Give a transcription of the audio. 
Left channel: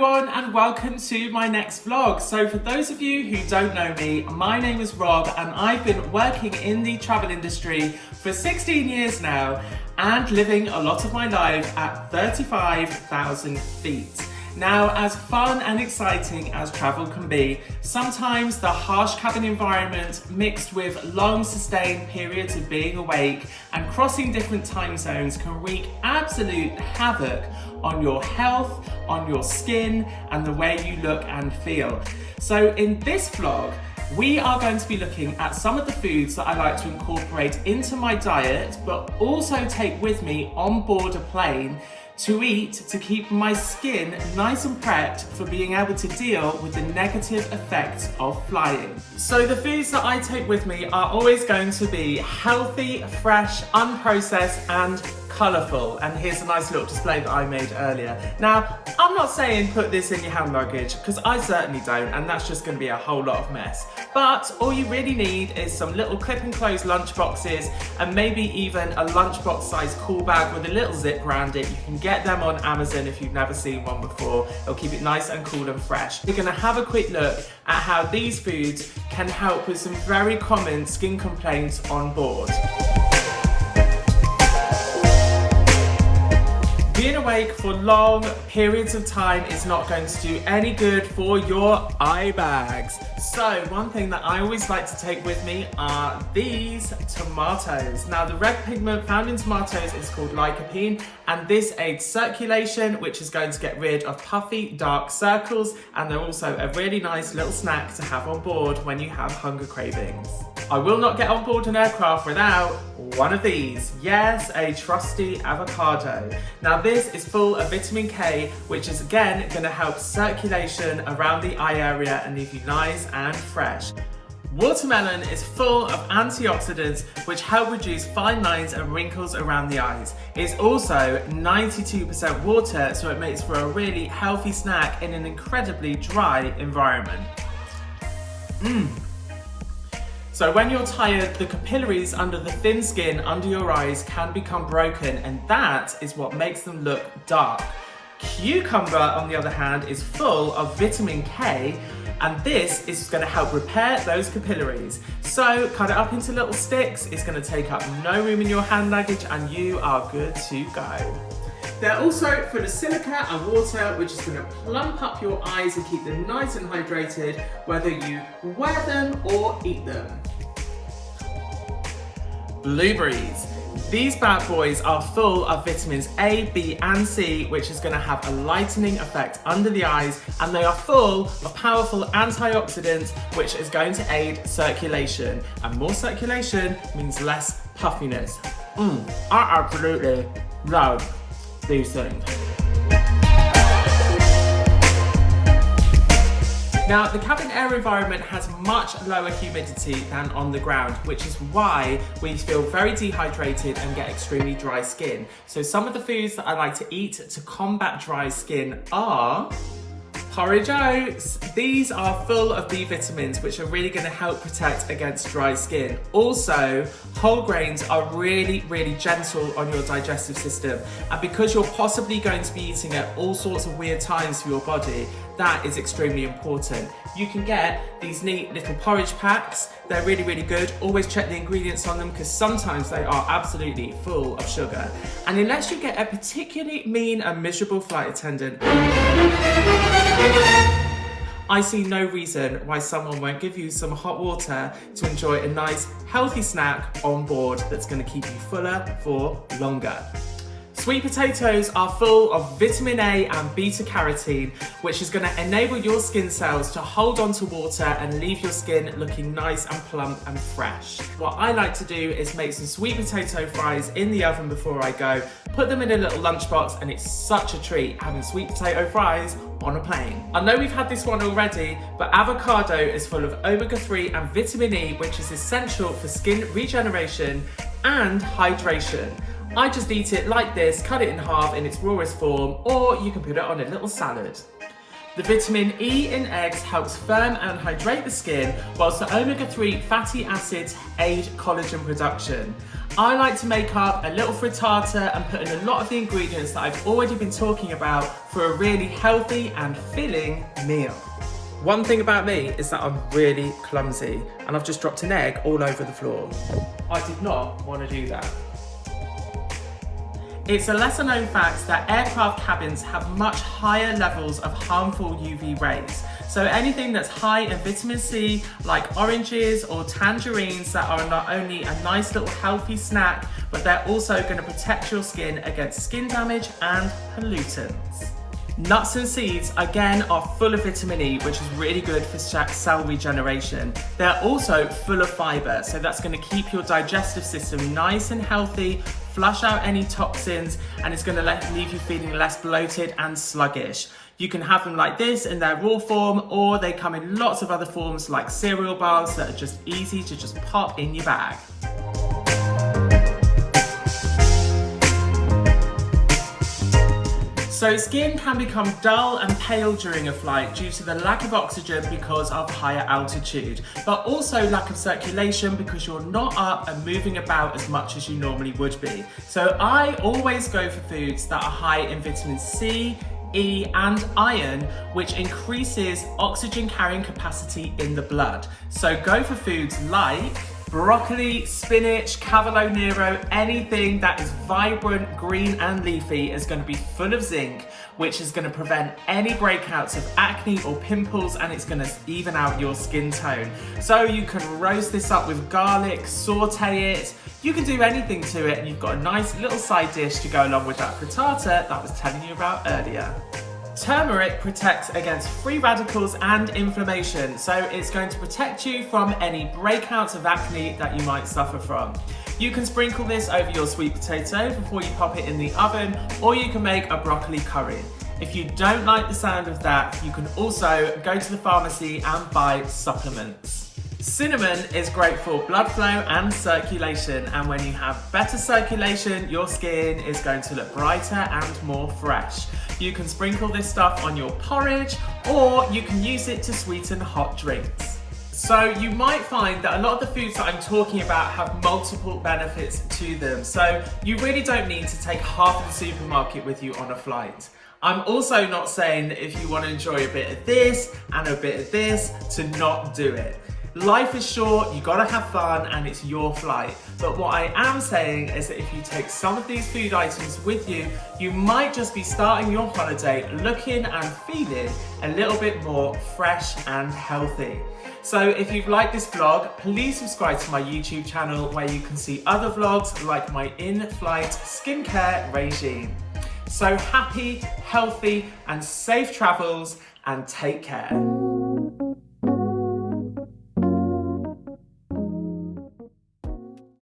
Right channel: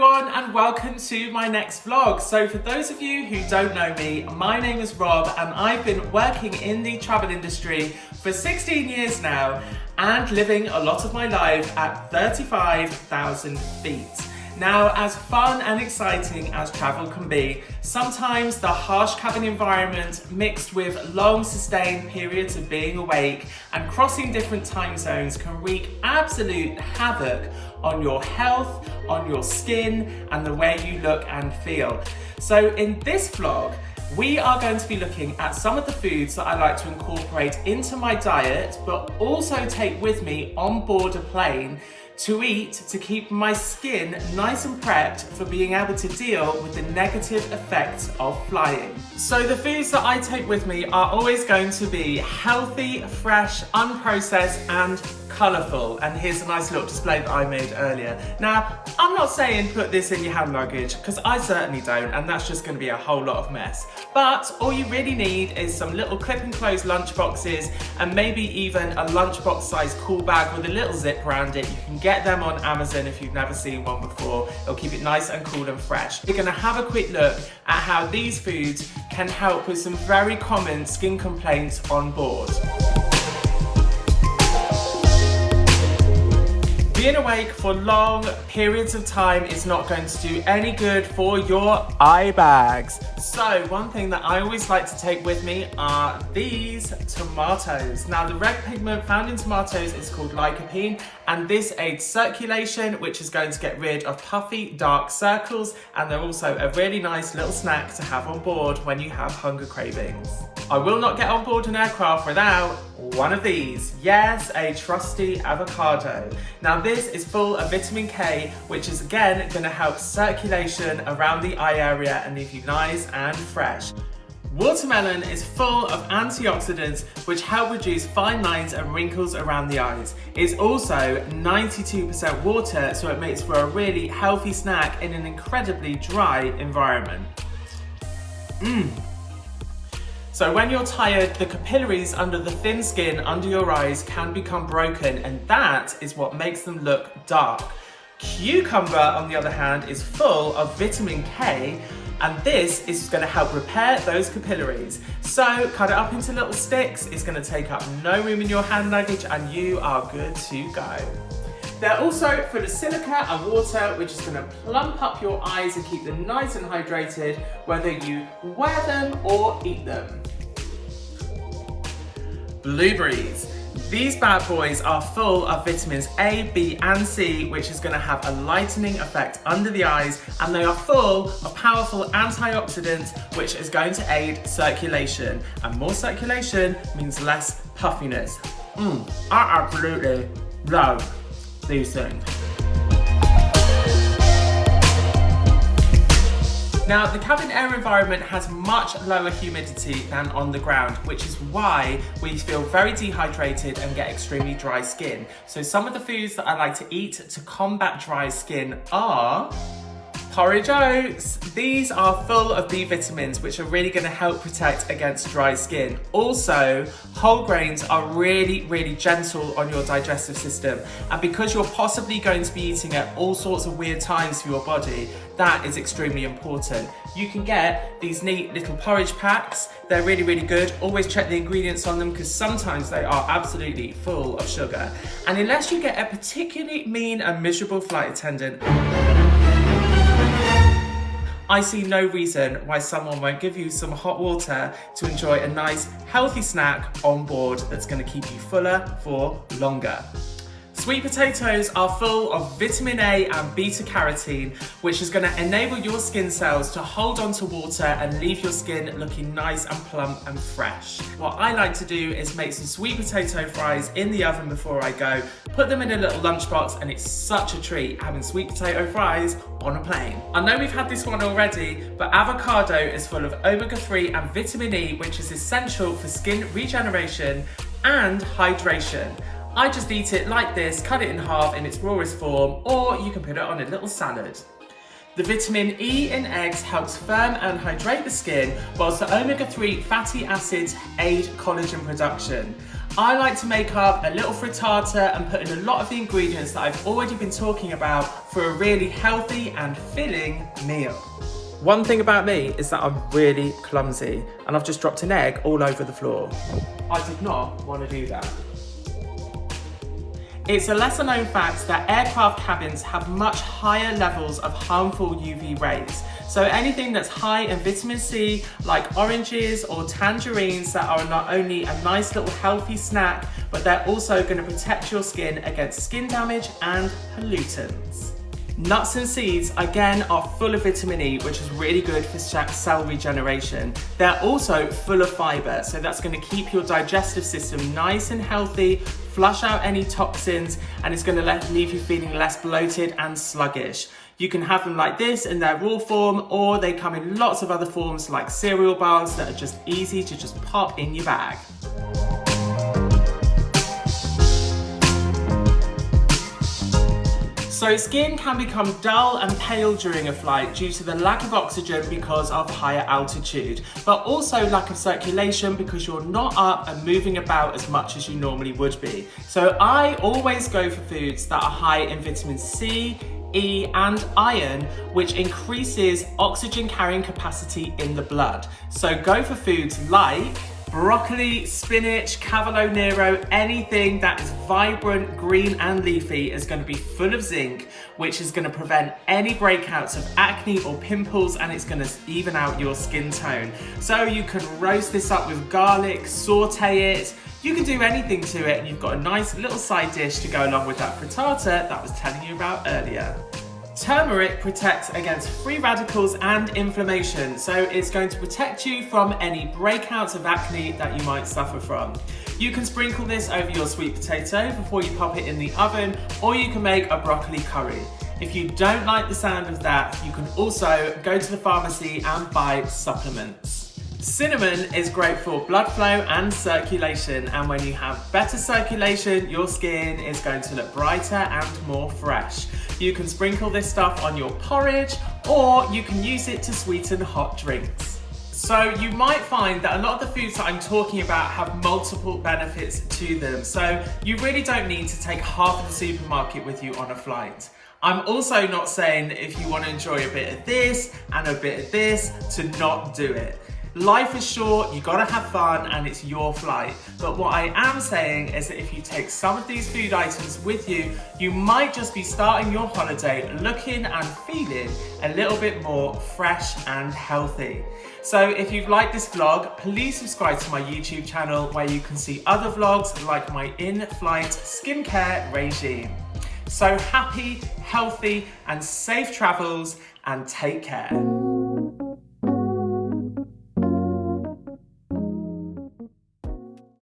everyone and welcome to my next vlog. So for those of you who don't know me, my name is Rob and I've been working in the travel industry for 16 years now and living a lot of my life at 35,000 feet. Now, as fun and exciting as travel can be, sometimes the harsh cabin environment mixed with long sustained periods of being awake and crossing different time zones can wreak absolute havoc on your health, on your skin, and the way you look and feel. So in this vlog, we are going to be looking at some of the foods that I like to incorporate into my diet, but also take with me on board a plane to eat to keep my skin nice and prepped for being able to deal with the negative effects of flying. So the foods that I take with me are always going to be healthy, fresh, unprocessed, and colourful. And here's a nice little display that I made earlier. Now, I'm not saying put this in your hand luggage, because I certainly don't, and that's just going to be a whole lot of mess. But all you really need is some little clip and close lunch boxes, and maybe even a lunchbox size cool bag with a little zip around it. You can get them on Amazon if you've never seen one before. It'll keep it nice and cool and fresh. We're going to have a quick look at how these foods can help with some very common skin complaints on board. Being awake for long periods of time is not going to do any good for your eye bags. So one thing that I always like to take with me are these tomatoes. Now the red pigment found in tomatoes is called lycopene, and this aids circulation, which is going to get rid of puffy dark circles, and they're also a really nice little snack to have on board when you have hunger cravings. I will not get on board an aircraft without one of these. Yes, a trusty avocado. Now this is full of vitamin K, which is again going to help circulation around the eye area and leave you nice and fresh. Watermelon is full of antioxidants which help reduce fine lines and wrinkles around the eyes. It's also 92% water, so it makes for a really healthy snack in an incredibly dry environment. So when you're tired, the capillaries under the thin skin under your eyes can become broken, and that is what makes them look dark. Cucumber, on the other hand, is full of vitamin K, and this is going to help repair those capillaries. So cut it up into little sticks. It's going to take up no room in your hand luggage, and you are good to go. They're also full of silica and water, which is going to plump up your eyes and keep them nice and hydrated, whether you wear them or eat them. Blueberries. These bad boys are full of vitamins A, B, and C, which is going to have a lightening effect under the eyes, and they are full of powerful antioxidants, which is going to aid circulation. And more circulation means less puffiness. I absolutely love these things. Now, the cabin air environment has much lower humidity than on the ground, which is why we feel very dehydrated and get extremely dry skin. So some of the foods that I like to eat to combat dry skin are porridge oats. These are full of B vitamins, which are really going to help protect against dry skin. Also, whole grains are really, really gentle on your digestive system. And because you're possibly going to be eating at all sorts of weird times for your body, that is extremely important. You can get these neat little porridge packs. They're really, really good. Always check the ingredients on them, because sometimes they are absolutely full of sugar. And unless you get a particularly mean and miserable flight attendant, I see no reason why someone won't give you some hot water to enjoy a nice, healthy snack on board that's going to keep you fuller for longer. Sweet potatoes are full of vitamin A and beta carotene, which is going to enable your skin cells to hold on to water and leave your skin looking nice and plump and fresh. What I like to do is make some sweet potato fries in the oven before I go, put them in a little lunchbox, and it's such a treat having sweet potato fries on a plane. I know we've had this one already, but avocado is full of omega-3 and vitamin E, which is essential for skin regeneration and hydration. I just eat it like this, cut it in half in its rawest form, or you can put it on a little salad. The vitamin E in eggs helps firm and hydrate the skin, whilst the omega-3 fatty acids aid collagen production. I like to make up a little frittata and put in a lot of the ingredients that I've already been talking about for a really healthy and filling meal. One thing about me is that I'm really clumsy and I've just dropped an egg all over the floor. I did not want to do that. It's a lesser known fact that aircraft cabins have much higher levels of harmful UV rays. So anything that's high in vitamin C, like oranges or tangerines, that are not only a nice little healthy snack, but they're also going to protect your skin against skin damage and pollutants. Nuts and seeds, again, are full of vitamin E, which is really good for cell regeneration. They're also full of fiber, so that's going to keep your digestive system nice and healthy, flush out any toxins, and it's going to leave you feeling less bloated and sluggish. You can have them like this in their raw form, or they come in lots of other forms like cereal bars that are just easy to just pop in your bag. So skin can become dull and pale during a flight due to the lack of oxygen because of higher altitude, but also lack of circulation because you're not up and moving about as much as you normally would be. So I always go for foods that are high in vitamin C, E and iron, which increases oxygen carrying capacity in the blood. So go for foods like broccoli, spinach, cavolo nero, anything that is vibrant, green and leafy is going to be full of zinc, which is going to prevent any breakouts of acne or pimples, and it's going to even out your skin tone. So you can roast this up with garlic, saute it, you can do anything to it, and you've got a nice little side dish to go along with that frittata that I was telling you about earlier. Turmeric protects against free radicals and inflammation, so it's going to protect you from any breakouts of acne that you might suffer from. You can sprinkle this over your sweet potato before you pop it in the oven, or you can make a broccoli curry. If you don't like the sound of that, you can also go to the pharmacy and buy supplements. Cinnamon is great for blood flow and circulation, and when you have better circulation, your skin is going to look brighter and more fresh. You can sprinkle this stuff on your porridge, or you can use it to sweeten hot drinks. So you might find that a lot of the foods that I'm talking about have multiple benefits to them, so you really don't need to take half of the supermarket with you on a flight. I'm also not saying that if you want to enjoy a bit of this and a bit of this, to not do it. Life is short, you gotta have fun, and it's your flight. But what I am saying is that if you take some of these food items with you, you might just be starting your holiday looking and feeling a little bit more fresh and healthy. So if you've liked this vlog, please subscribe to my YouTube channel where you can see other vlogs like my in-flight skincare regime. So happy, healthy, and safe travels, and take care.